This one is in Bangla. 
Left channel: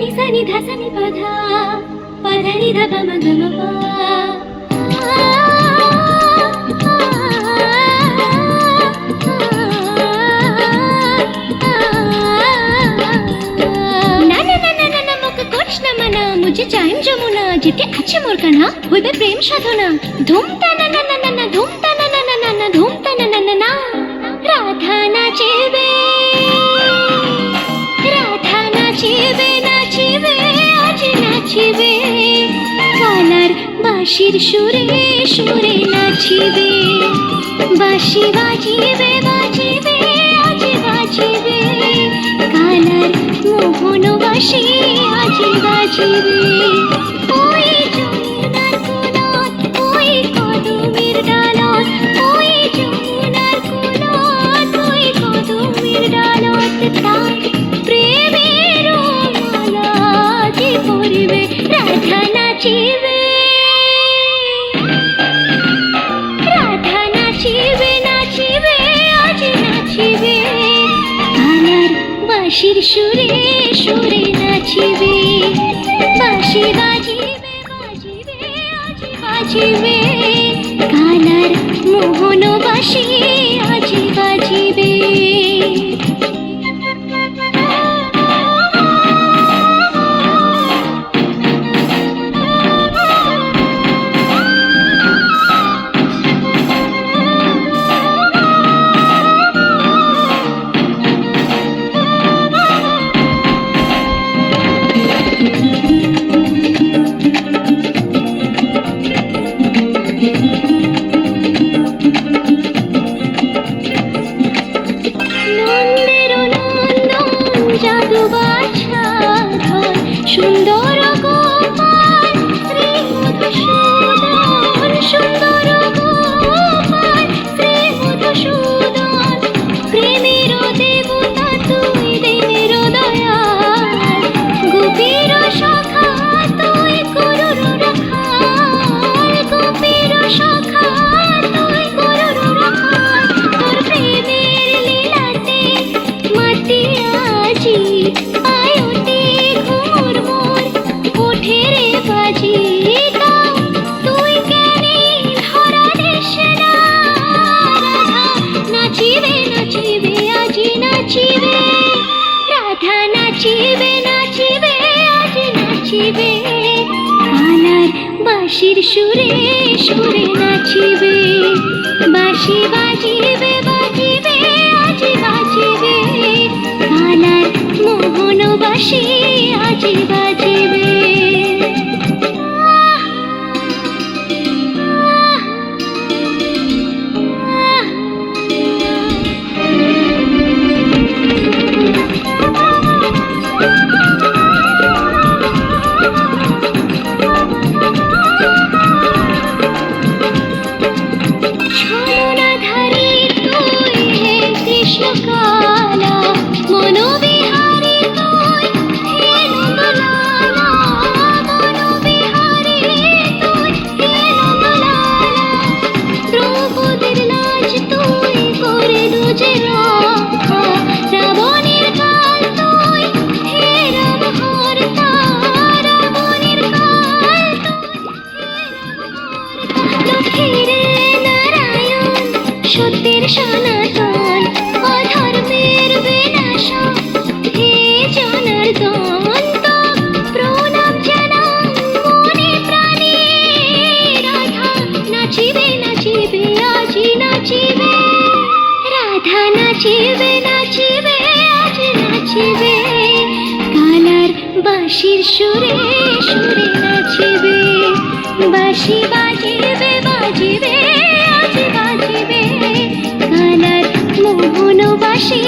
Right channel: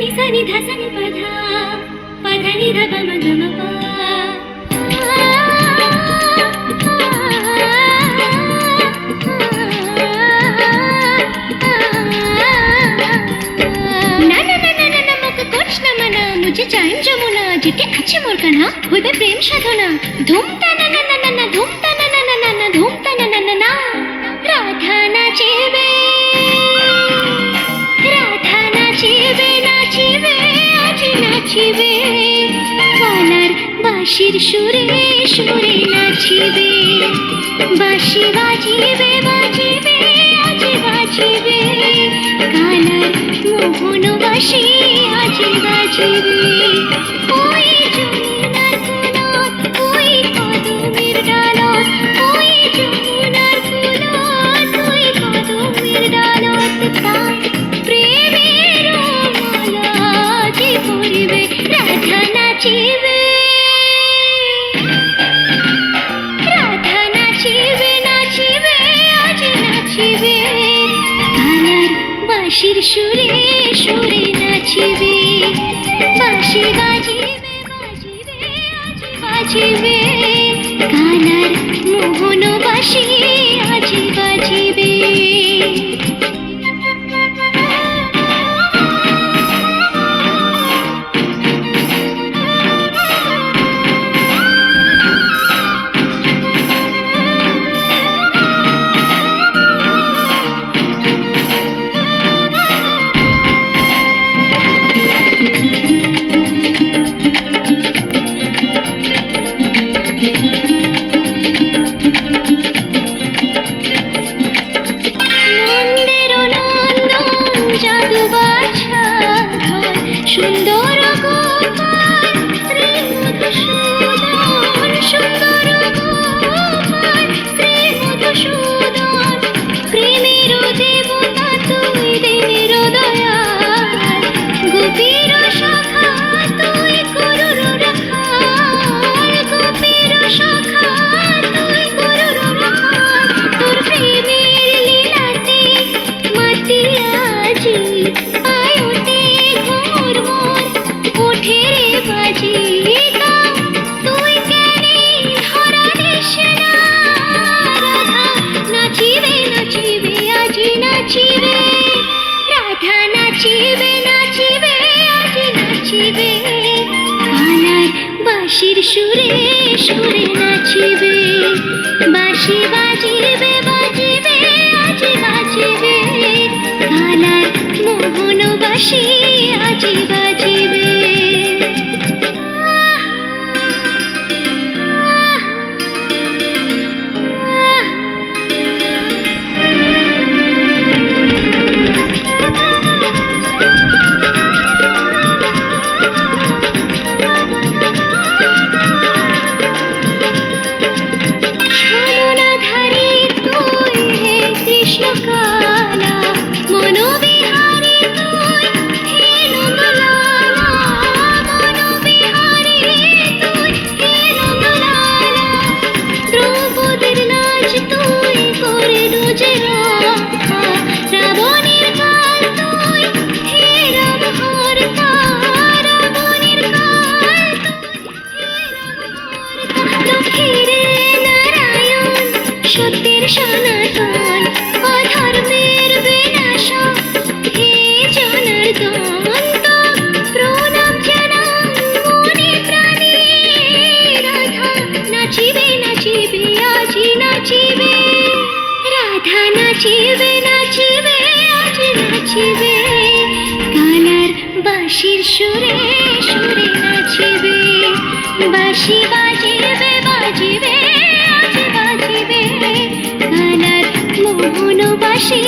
নি সা নি ধা সা নি পা ধা পা ধা নি ধা পা মা গা মা পা। मुझे चाइन जमुना जिते अच्छे मोर कान्हा होइबे प्रेम साधना धूम ताना ना ना ना ना धूम ताना ना ना ना ना धूम ताना ना ना ना राधा नाचिबे नाचिबे आज नाचिबे कालार बाशिर सुरे सुरे नाचिबे बाशी बाजिबे बाजिबे आज बाजिबे कालार मोहन बाशी आज बाजिबे ওই যমুনার কুলত ওই কদমের ডালত ওই যমুনার কুলত ওই কদমের ডালত তার প্রেমের মালা যে পরিবে রাধা নাচিবে নাচিবে আজ নাচিবে কালার বাঁশির সুরে সুরে নাচিবে বাঁশি বাজিবে বাজিবে আজ বাজিবে কালার মোহন বাঁশি আজ বাজিবে। সুন্দর গোপাল শ্রী মধুসূদন সুন্দর গোপাল শ্রী মধুসূদন প্রেমের দেবতা তুই দেবের দয়াল গোপীর শাখা তুই গরুর রাখাল গোপীর শাখা তুই গরুর রাখাল তোর প্রেমের লীলাতে মাতিয়া আজি বাঁশির সুরে সুরে নাচিবে বাঁশি বাজিবে বাজিবে আজ বাজিবে কালার মোহন বাঁশি আজ বাজিবে। সত্যের সনাতন অধর্মের বিনাশন হে জনার্দন প্রণাম জানাই মনে প্রাণে রাধা নাচিবে নাচিবে আজ নাচিবে রাধা নাচিবে নাচিবে আজ নাচিবে কালার বাঁশির সুরে সুরে নাচিবে বাঁশি বাজিবে বাজিবে আজ বাজিবে কালার মোহন বাঁশি